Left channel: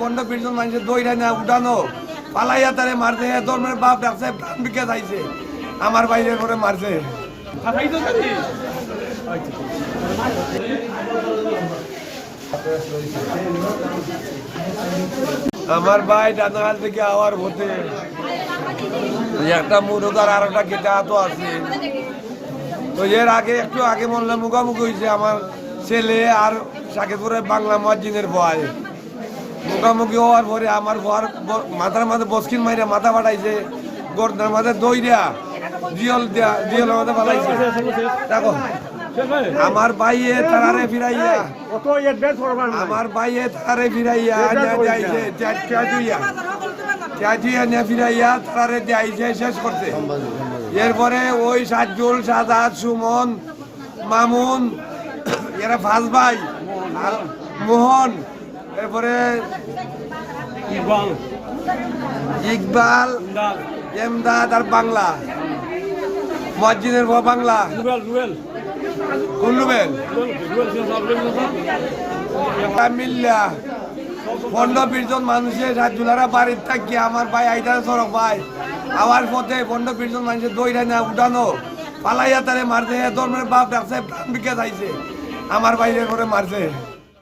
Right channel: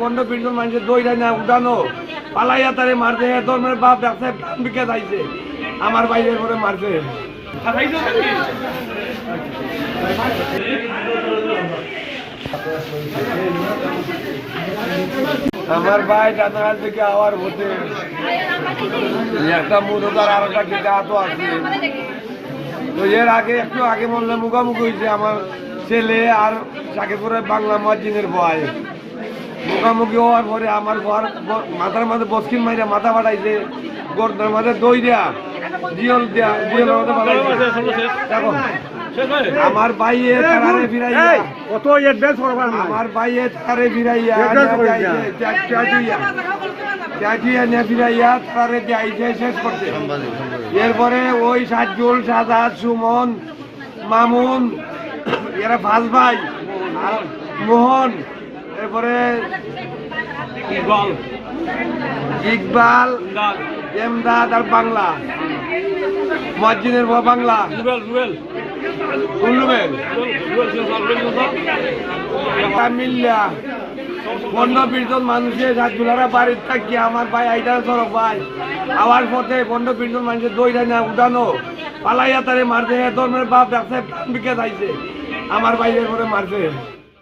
পনেরো জন মানুষের দইরা না, উঠানো। পালাইয়া তারে মারছে ধর্মের বাপ ডাকছে, প্রাণ যাইছে। আমার বাইরের করে মারছে। আমার ভাই ডানাহাল থেকে আওয়ার হতে একটা মুরগার আর একটা কেটে আতো আছে। তো এর আগে, একটু আগে বললাম মুখামুখি হয়েছে আমার ছেলে আর সাকিবপুরে বাংলা মসজিদের ভয় মুখামুখি হওয়ার পরে আমার ঘর ব- মাথার মাঝে বসকিন মাইরা মাথা বাড়াইছে গর্দার মাঝে দই দেয়া জিয়ল দেয়া জিয়ল মাথা ফাটাইছে দেখো আমার বাইয়ে তারারে ফিরাইয়া না। আমার বাইয়ে তারারে ফিরাইয়া ত্যাজুইয়া নিয়ে ফিরাইয়া তারারে দিয়াইছে শেষ করতে এরপরে ওই সাজুল সাদাত সুমন মামুন এরা ফাজ ভাই আর মোহন এরপরে ইকবাল। এমদাদ আর বাংলা। মসজিদের পর বাংলা। মিল্লা পনেরো বিশ জন মানুষের বাড়ির থাকি আমার ভাই আইতারা সড়ক ভাই। আওয়ার পথে পনেরো বিশ জন মানুষের দইরা না উঠানো। পালাইয়া তারে মারছে ধর্মের বাপ ডাকছে প্রাণ আমার বাইরের করে মারছে।